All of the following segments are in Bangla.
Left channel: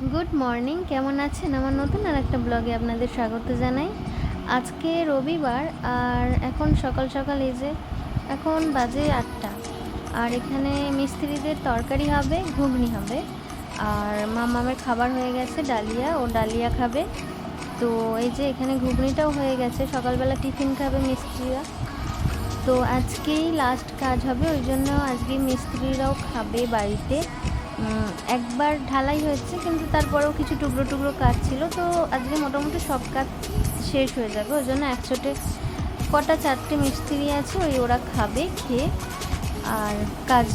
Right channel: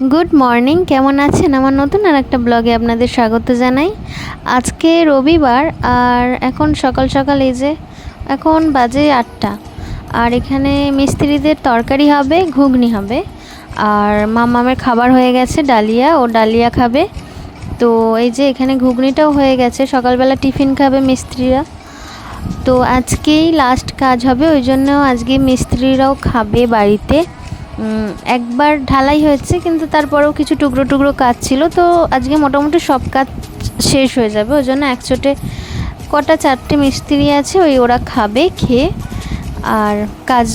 গুড মর্নিং, কেমন আছেন? আমার নতুন আর একটা ব্লগে আপনাদের স্বাগত জানাই। আজকে রবিবার আর এখন সকাল সকাল এই যে এখন বাজে 8টা। আর এখানে মিস্ত্রিদের তরকারি হবে, ঘুগনি হবে। আর মামামের খাবার হয়ে গেছে, ডালিয়া, ও ডালিয়া খাবে। তো এই যে এখানে ঘুগনিটাও হয়ে গেছে, সকালবেলা টিফিন খাবে মিস্ত্রিরা। তো আজকেই লাস্ট কাজ হবে, ওই জন্য আজকে মিস্ত্রিরাও খাবে বাড়িতে। একবার ঢালাই হয়েছে, কিন্তু তারপরেও কিছু টুকরো টুকরো কাজ ছিল, তো আজকে মোটামুটি সব কাজ শেষ হয়ে যাবে। ওই জন্য একচোটে কটা 4টে মিস্ত্রি আছে, ওরা খাবে, খেয়ে আর কাজ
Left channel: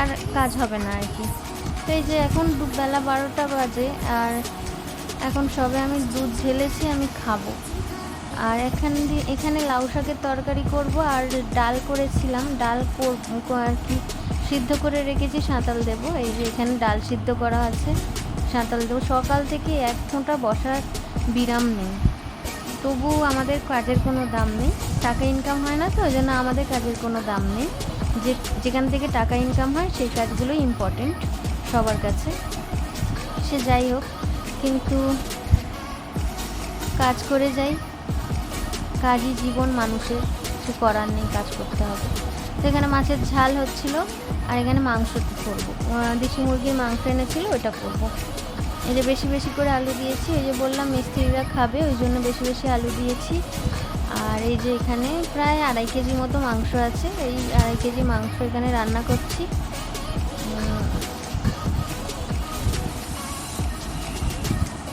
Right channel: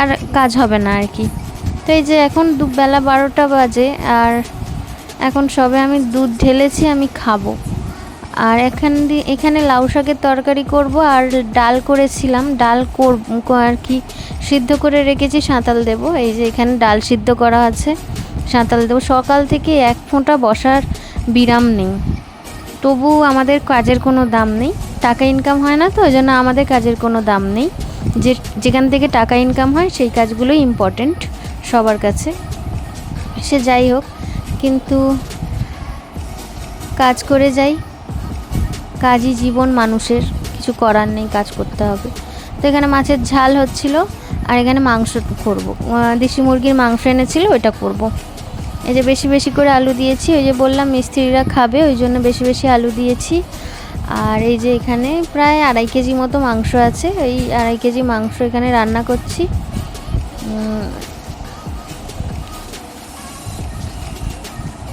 আর কাজ হবে না আর কি। তো এই যে এখন দুবেলা 12টা বাজে, আর এখন সবে আমি দুধ ঢেলেছি, আমি খাবো। আর এখানে লাউ শাকের তরকারি করব, আর ডাল করেছিলাম, ডাল করব আর কি, সিদ্ধ করে রেখেছি, সাঁতাল দেব। এই যে এখানে ডাল সিদ্ধ করা আছে, সাঁতাল দেবো। সকাল থেকে এক ফোঁটা বসার বিরাম নেই, তবু আমাদের কাজের কোনো দাম নেই। টাকা ইনকাম হয় না, তো ওই জন্য আমাদের কাজের কোনো দাম নেই। যেখান থেকে টাকা ইনকাম হয় সেই কাজগুলোই ইম্পর্টেন্ট সবার কাছে, সে যাই হোক, কিন্তু কাজ করে যাই। কাজই জীবন মানুষের, কিছু করার নেই, কাজ করতে হবে। তো এখানে মাছের ঝাল হচ্ছিল, আর এখানে মাংস করবো, দেশি মুরগির মাংস এনেছিল, ওইটা করব। এই যে বেশি বেশি করে আলু দিয়েছি, ওই যে বললাম মিস্ত্রিরা খাবে, ওই জন্য বেশি বেশি আলু দিয়েছি। আর এই যে এখানে প্রায় 2.5 কেজি মতো মাংস আছে, এই 2.5 কেজি মাংস এখানে রান্না করছি।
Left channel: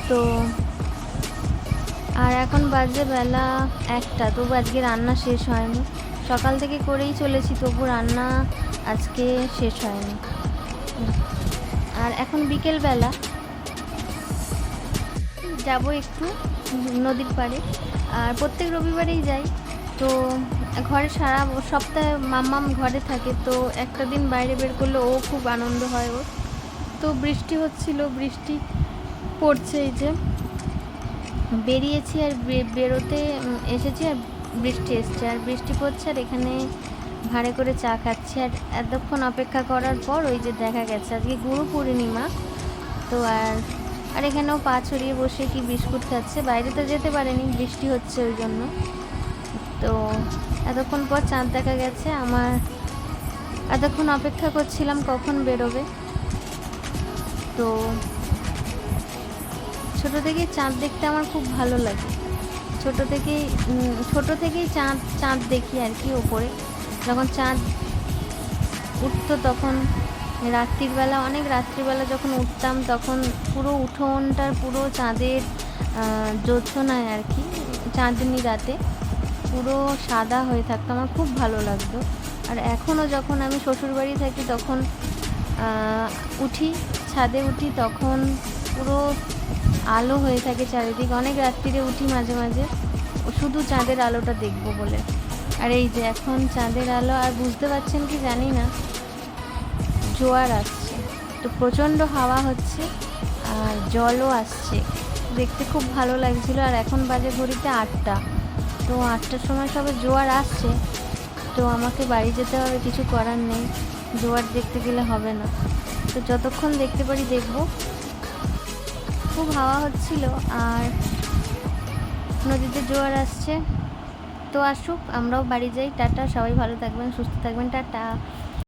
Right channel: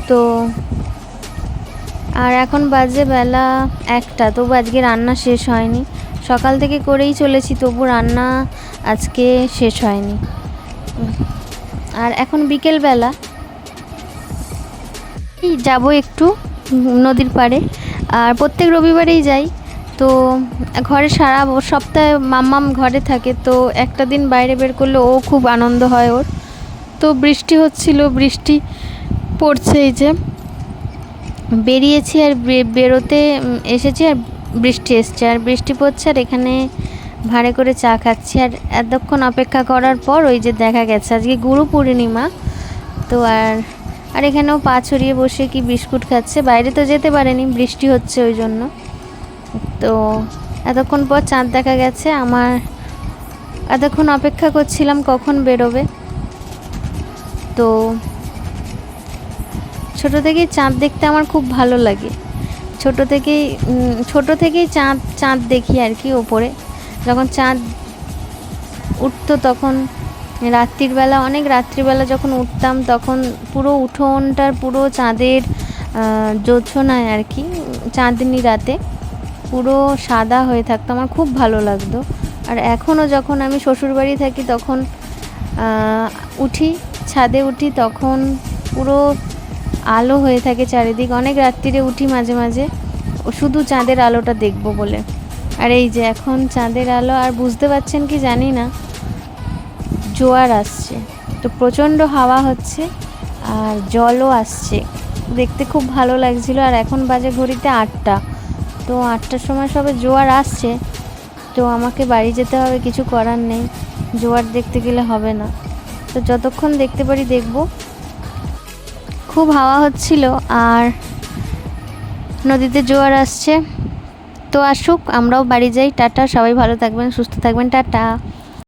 তো আর এখন বাজে বেলা 1টা, তবু আজকে রান্না শেষ হয়নি। সকাল থেকে করেই চলেছি, তবু রান্না আজকে শেষ হয়নি। আর এখন বিকেলবেলা যাব একটু নদীর পাড়ে, আর প্রত্যেক রবিবারেই যাই। তো ঘরে সারা সপ্তাহে মাম্মাম ঘরে থাকে, তো একটা দিন বাইরে বের করলে ও খুব আনন্দ হয় ওর। তো বৃষ্টি হচ্ছিল, বৃষ্টি পড়ছে, এই যে বেরিয়েছি আর বেরোতে এসেছি, আর বৃষ্টি এসছে, আর বৃষ্টি পড়ছে, আর এখানে ভাঁড়ে করে চা খাচ্ছি। আর এতক্ষণ অপেক্ষা করার পর ওই যে দেখা গেছে আজকে গুরু পূর্ণিমা। তো আর এখানেও পা ছড়িয়ে বসে কি বিস্কুট খাচ্ছে, বাইরে তো যেতে পারেনি, বৃষ্টি হচ্ছে ওই জন্য। তো এতক্ষণ পর চাঁদ দেখা গেছে। আমার এতক্ষণ অপেক্ষা করছিলাম কখন বেরোবে। তো ছোটো থেকেই চাঁদ দেখতে আমার খুব ভালো লাগে, ছোটো থেকেই চাঁদ দেখি আর কি। ওপরে যখন চাঁদ উঠতো, তখন অনেক রাত্রিবেলা যখন উঠতাম, তখন পুরো উঠোনটার পুরো চাঁদের জোছনায় আর কি, চাঁদনি রাতে পুরো সাদা হয়ে থাকতো, আমার খুব ভালো লাগতো। আর এখনও যখন আমি শ্বশুরবাড়ি থাকি, তখন ছাদে উঠি, তখন পুরো আলো হয়ে থাকে চারিদিক। অনেক রাত্রিরে উঠি মাঝে মাঝে, শুধু চাঁদের আলোটা দেখবো বলে। আর এই যে এখন চাঁদের আলো, আর বুঝতে পারছেন কি জানি না, জোয়ার আসছে, তো প্রচণ্ড হাওয়া হচ্ছে, আর জলও আসছে, দেখতে খুব ভালো লাগছিল। আর এখন বাজে ঘড়িতে 8টা, তো 8টার সময় সবে জোয়ার আসছে, তো আমাকে বাড়ি যেতে হবে, কিছু করার নেই, জোয়ার দেখতে গেলে হবে না, তো যতক্ষণ দেখতে পারি দেখব। খুব হাওয়া হচ্ছিল, আর নদীতে জোয়ার আসছে। তো আসুক, আমরাও বাড়ি যাই। টাটা, সবাই ভালো থাকবেন, সুস্থ থাকবেন, টাটা।